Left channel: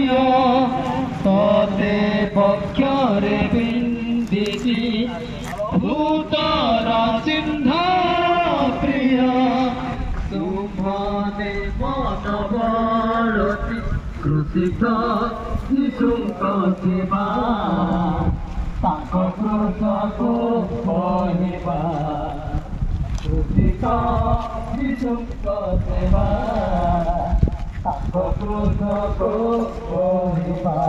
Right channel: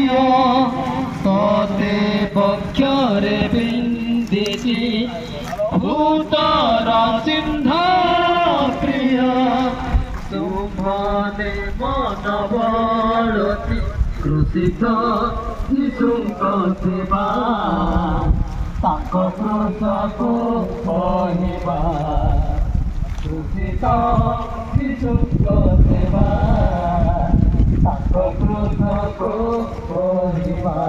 ପ୍ରିୟ ତତେ ପକ୍ଷରେ ବିନ୍ଦିଛି ଭୂତର ଚିହ୍ନ ପ୍ରିୟ ତୁମ୍ଭେ ମନ ବଳତି କୃଷିତ ଯୀଶୁଙ୍କ ସେବା ତାଙ୍କ କୃଷକୁ କହିବା କୃଷିତ ଯୀଶୁଙ୍କ ସେବା ତାଙ୍କ କୃଷକୁ କହିବା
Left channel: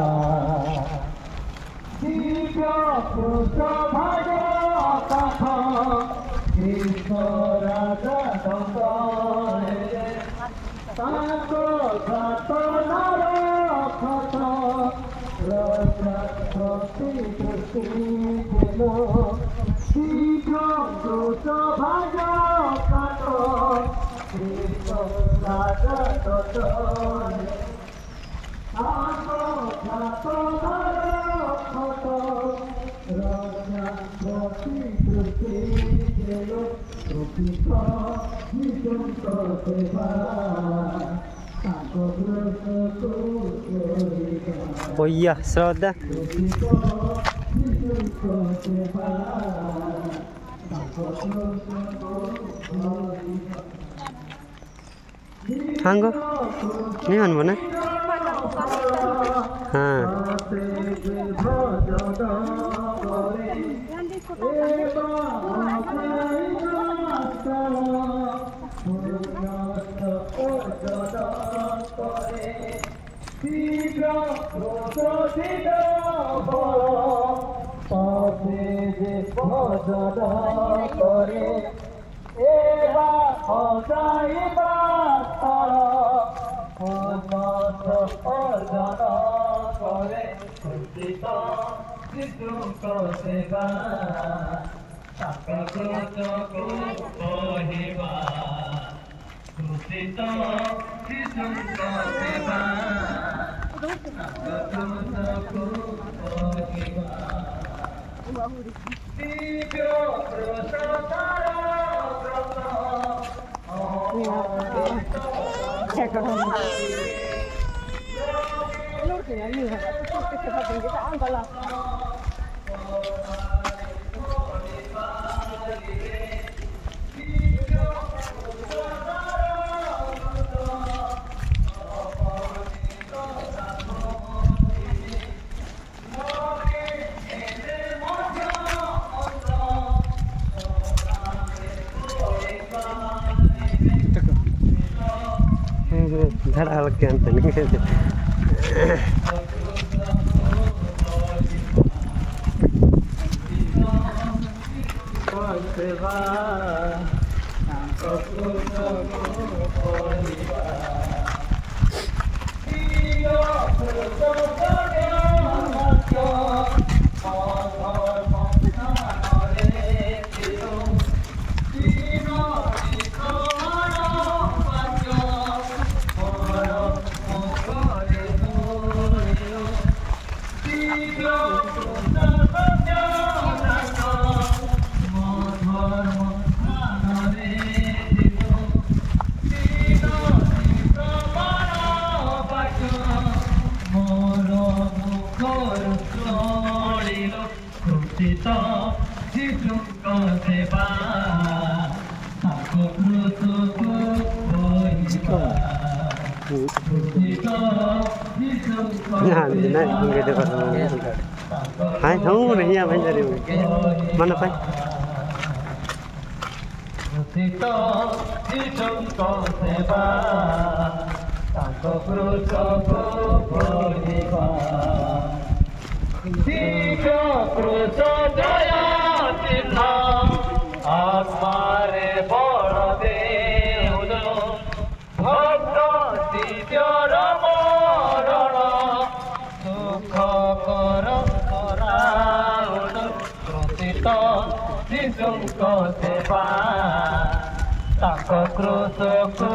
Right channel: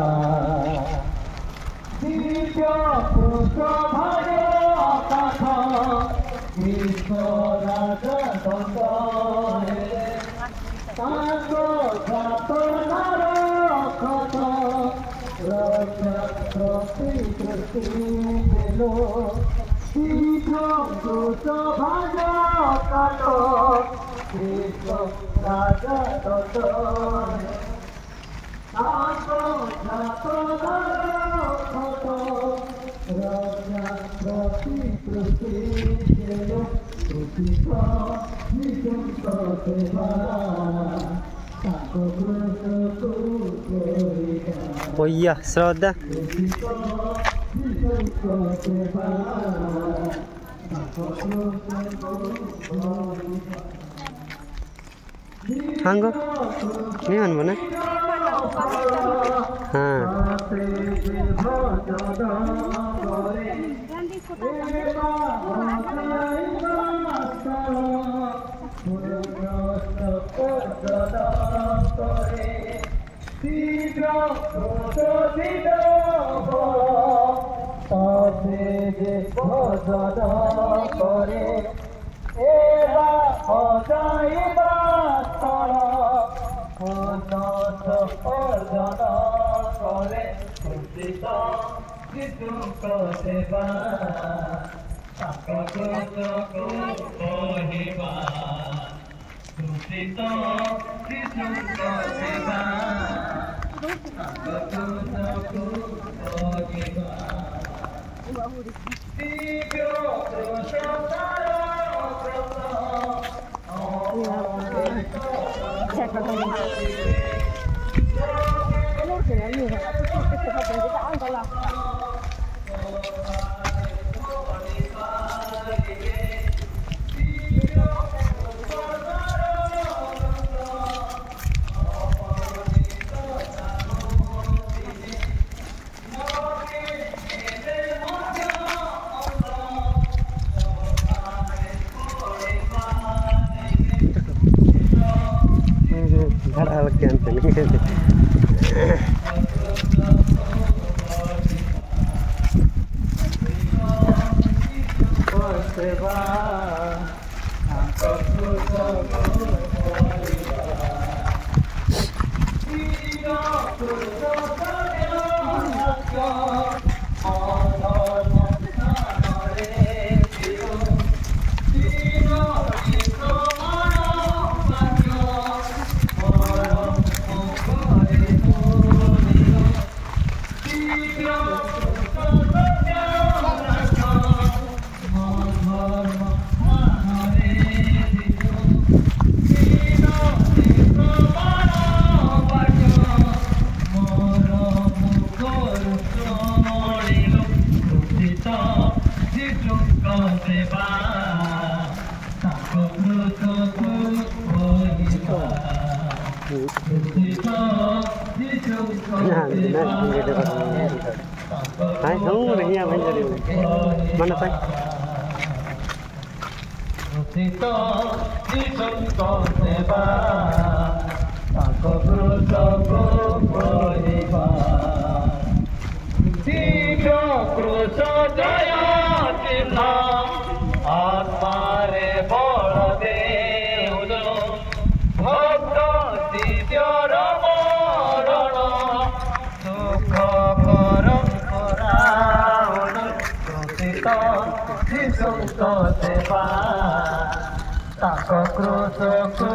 ଦିବ୍ୟ କୃଷ ଭାଗ କାଠ ଈଶ୍ୱରାଜ ଦଣ୍ଡ ତାଙ୍କ ଯାତନାର ଖତ ରକ୍ଷା ପ୍ରତି ଦୃଷ୍ଟି ଦେଲ ଦିବ୍ୟ କୃଷ ଭାଗ କାଠ ଈଶ୍ୱରାଜ ଦଣ୍ଡ ତାଙ୍କ ଯାତନାର ଖତ ରକ୍ଷା ପ୍ରତି ଦୃଷ୍ଟି ଦେଲ କୃଷିତ ଯୀଶୁଙ୍କ ସେବା ତାଙ୍କ କୃଷକୁ କହିବା Iya, Sroda. କୃଷିତ ଯୀଶୁଙ୍କ ସେବା ତାଙ୍କ କୃଷକୁ କହିବା Hanggo. Ini mana mana? हाँ ଯୀଶୁଙ୍କ ସେବା ତାଙ୍କ କୃଷକୁ କହିବା କୃଷିତ ଯୀଶୁଙ୍କ ସେବା ତାଙ୍କ କୃଷକୁ କହିବା ଦିବ୍ୟ କୃଷର ବ୍ରତ Dar algan tadi. सेवा Hai, không được nha, bây giờ mana tay? Sita Jisumଙ୍କ ସେବା ତାଙ୍କ କୃଷକୁ କହିବା ଦିବ୍ୟ କୃଷ ଜୟ ଚିହ୍ନ ଆତ୍ମାରେ ବଳ ଦେଉଲ ଭକ୍ତ ଦିବ୍ୟର ମରଣ ସୁଖ କର କରାଉଲ କୃଷିତ ଯୀଶୁଙ୍କ ସେବା ତାଙ୍କ କୃଷକୁ